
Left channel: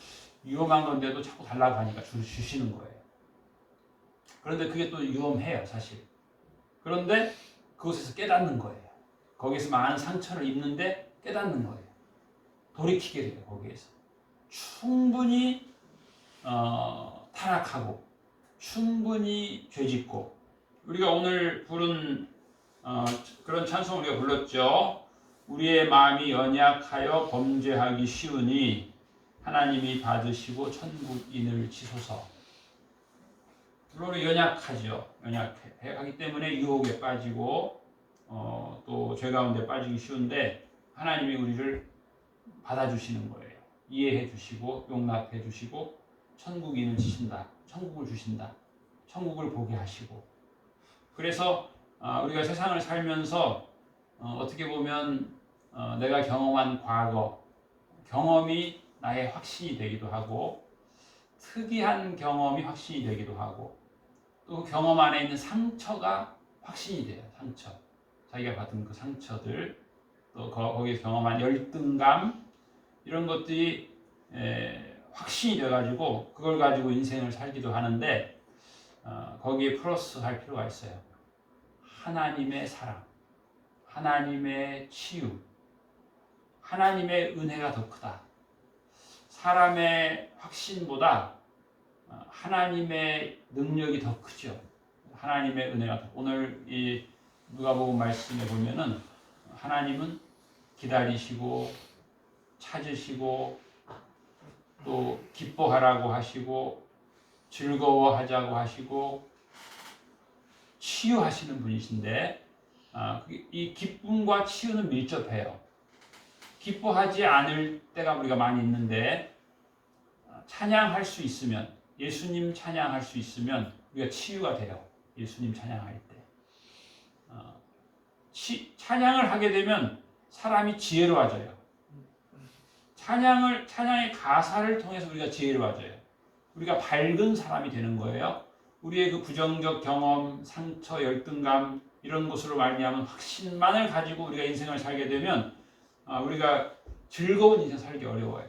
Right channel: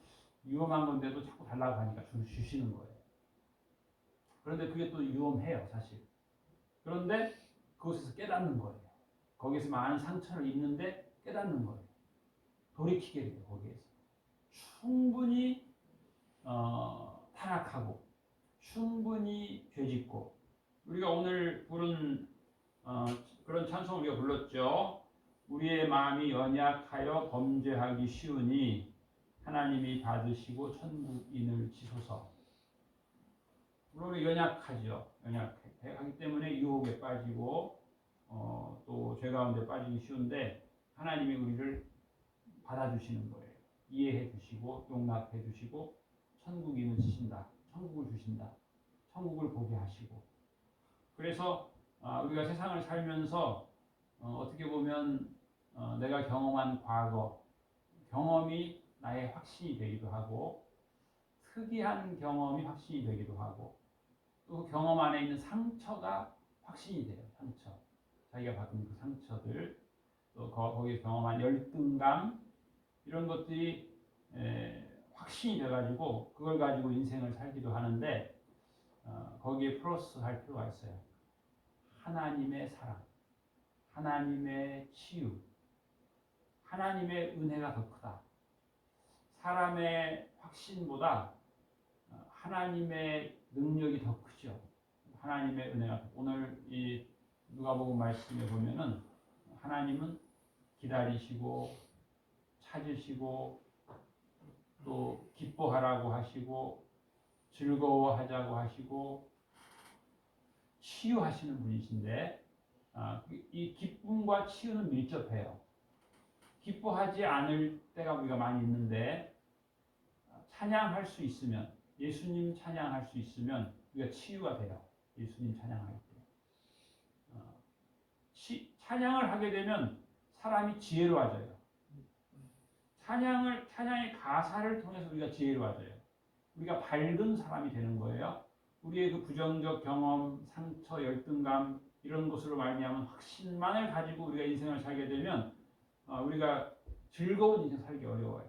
위험한 건데도 자꾸 달라고 하니까 주시는 거예요. 그런데 그게 또 위험해요, 사실. 그런데 그곳에서 깨닫는 거예요. 거기서 많은 상처를 입는데 깨닫는 거예요. 돌이키게 돼요, 거기에서. 충분히 타락하고 충분히 죄짓고, 우리가 오늘 부른 그런 찬송을 우리가 불렀죠. 우리의 마음이 연약하여 범죄하기 쉬우니 하나님이 받으시고 천국인을 치소서. 물론 연약하죠. 연약하기 때문에 유혹에 빠지고 또 죄 가운데 빠지기 쉬운데 하나님이 우리를 받아주시는 거예요. 이해해 주시고 용납해 주시고 천국인을 치신다. 천국을 주신다. 천국을 보게 하시고. 그래서 우리가 세상을 살면서 어떻게 보면 내가 경험한 과거 경험이 나의 확신이 되기도 하고 특이한 경험이 확신이 되기도 하고 또 경험 안에 있는 상처가 확신이 돼요. 상처. 자기가 받은 그 상처들 또 거기서 경험한 열등감 이런 것들이 확신이 돼가지고 그걸 가지고 인생을 살기도 하는데 거기에 플러스 할 필요가 있어요. 하나님의 사랑, 하나님의 치유, 하나님의 은혜가 더 크다. 사람의 확신보다 하나님의 능력이 더 크죠. 하나님의 은혜가 더. 오늘 이 누가복음 말씀에 보면은 하나님은 기다리시고 찾으시고 또 기뻐하라고 하시고 즐거워하자고 하시고 치유하시는 분이신데 이 기쁨과 치유는 밀접해요. 기뻐하지 않을 때가 우리가 많이 있는데 찬양할 수 있으면 예수님 찬양할 수 있으면 우리가 치유가 돼요. 예수님 찬양할 때 찬양을 하게 되면 사람이 지혜로워져요. 찬양의 가사를 통해서 우리가 지혜로워져요. 우리가 밝은 사람이 되는 거예요. 우리의 그 부정적 경험, 상처, 열등감 이런 것으로 말미암은 확신만을 가지고 우리가 인생을 살게 되면 우리가 즐거운 인생 살기 어려워요.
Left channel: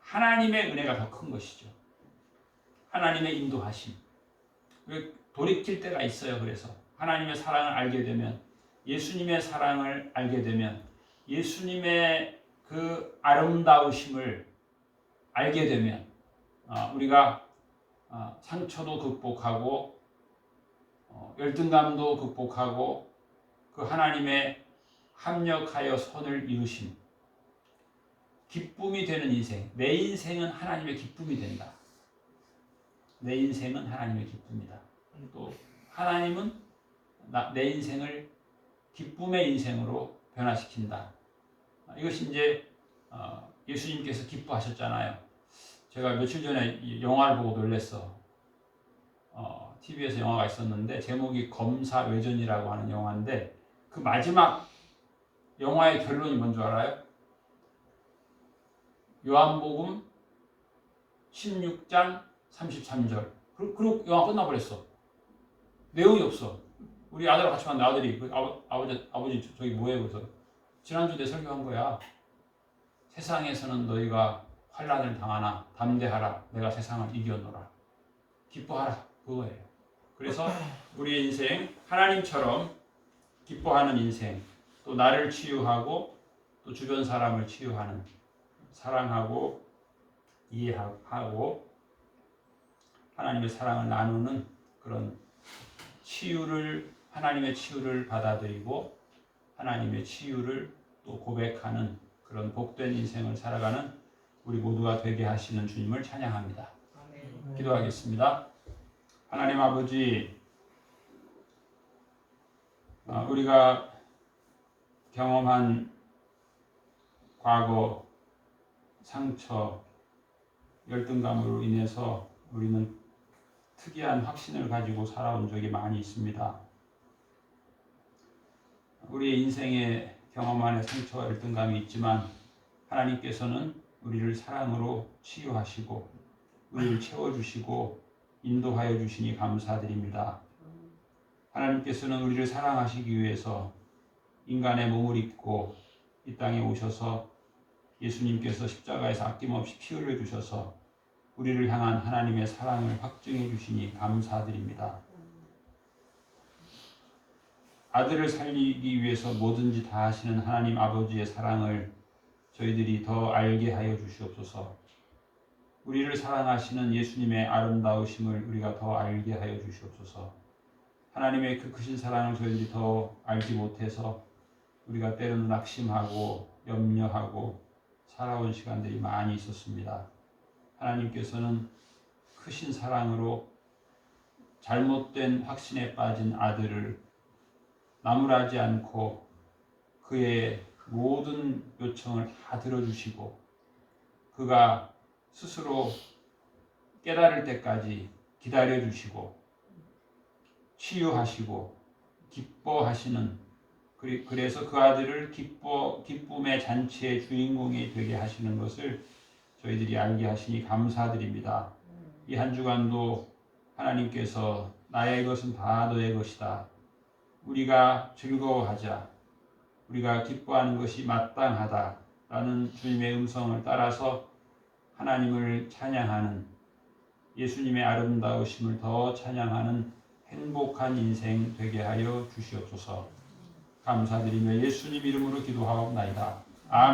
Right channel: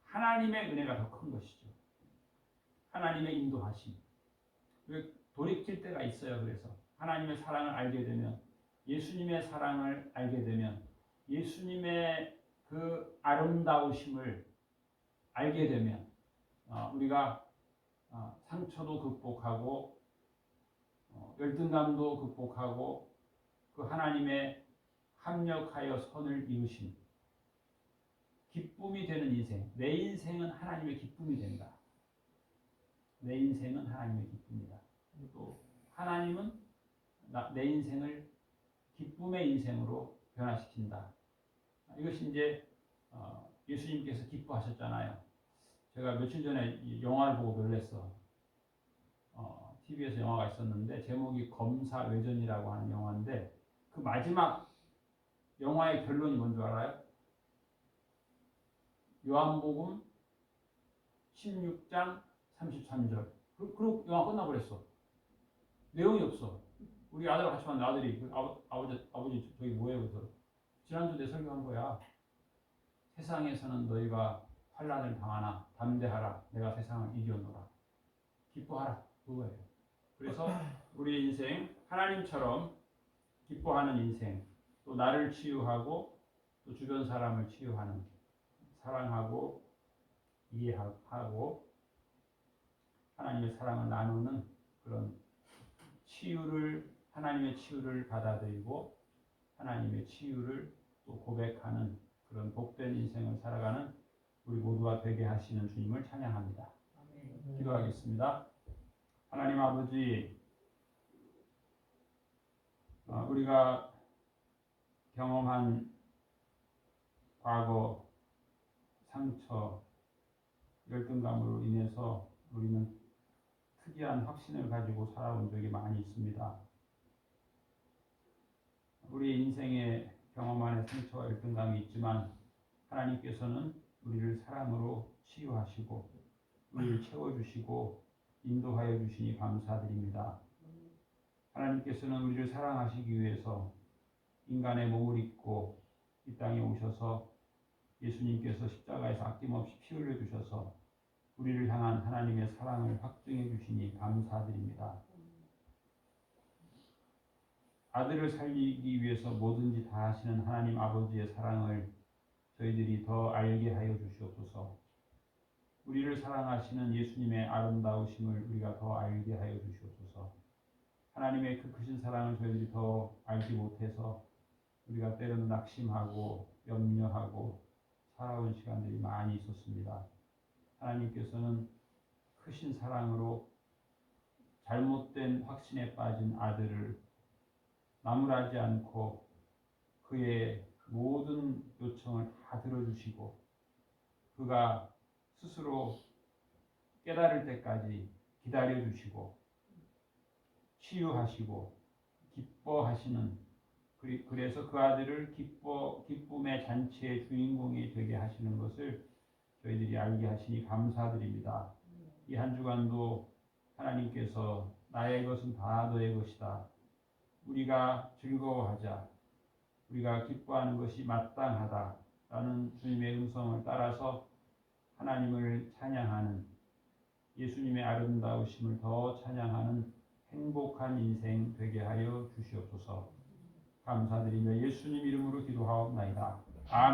하나님의 은혜가 더 큰 것이죠. 하나님의 인도하심. 돌이킬 때가 있어요. 그래서 하나님의 사랑을 알게 되면, 예수님의 사랑을 알게 되면, 예수님의 그 아름다우심을 알게 되면 우리가 상처도 극복하고 열등감도 극복하고 그 하나님의 합력하여 선을 이루심, 기쁨이 되는 인생. 내 인생은 하나님의 기쁨이 된다. 내 인생은 하나님의 기쁨이다. 또 하나님은 내 인생을 기쁨의 인생으로 변화시킨다. 이것이 이제 예수님께서 기뻐하셨잖아요. 제가 며칠 전에 영화를 보고 놀랐어. TV에서 영화가 있었는데 제목이 검사외전이라고 하는 영화인데 그 마지막 영화의 결론이 뭔 줄 알아요? 요한복음 16장 33절. 그리고 영화 끝나버렸어. 내용이 없어. 우리 아들하고 같이 만난 아들이 아버지 저기 뭐해? 그래서 지난주 내 설교한 거야. 세상에서는 너희가 환난을 당하나 담대하라. 내가 세상을 이겼노라. 기뻐하라. 그거예요. 그래서 우리의 인생 하나님처럼 기뻐하는 인생, 또 나를 치유하고 또 주변 사람을 치유하는, 사랑하고 이해하고 하나님의 사랑을 나누는 그런 하나님의 치유를 받아들이고 하나님의 치유를 또 고백하는 그런 복된 인생을 살아가는 우리 모두가 되게 하시는 주님을 찬양합니다. 아멘. 기도하겠습니다. 하나님 아버지, 우리가 경험한 과거 상처, 열등감으로 인해서 우리는 특이한 확신을 가지고 살아온 적이 많이 있습니다. 우리의 인생에 경험 안에 상처와 열등감이 있지만 하나님께서는 우리를 사랑으로 치유하시고 우리를 채워주시고 인도하여 주시니 감사드립니다. 하나님께서는 우리를 사랑하시기 위해서 인간의 몸을 입고 이 땅에 오셔서 예수님께서 십자가에서 아낌없이 피 흘려 주셔서 우리를 향한 하나님의 사랑을 확증해 주시니 감사드립니다. 아들을 살리기 위해서 뭐든지 다 하시는 하나님 아버지의 사랑을 저희들이 더 알게 하여 주시옵소서. 우리를 사랑하시는 예수님의 아름다우심을 우리가 더 알게 하여 주시옵소서. 하나님의 그 크신 사랑을 저희들이 더 알지 못해서 우리가 때로는 낙심하고 염려하고 살아온 시간들이 많이 있었습니다. 하나님께서는 크신 사랑으로 잘못된 확신에 빠진 아들을 나무라지 않고 그의 모든 요청을 다 들어주시고 그가 스스로 깨달을 때까지 기다려주시고 치유하시고 기뻐하시는, 그래서 그 아들을 기쁨의 잔치의 주인공이 되게 하시는 것을 저희들이 알게 하시니 감사드립니다. 이 한 주간도 하나님께서 나의 것은 다 너의 것이다. 우리가 즐거워하자. 우리가 기뻐하는 것이 마땅하다. 라는 주님의 음성을 따라서 하나님을 찬양하는, 예수님의 아름다우심을 더 찬양하는 행복한 인생 되게 하여 주시옵소서. 감사드리며 예수님 이름으로 기도하옵나이다.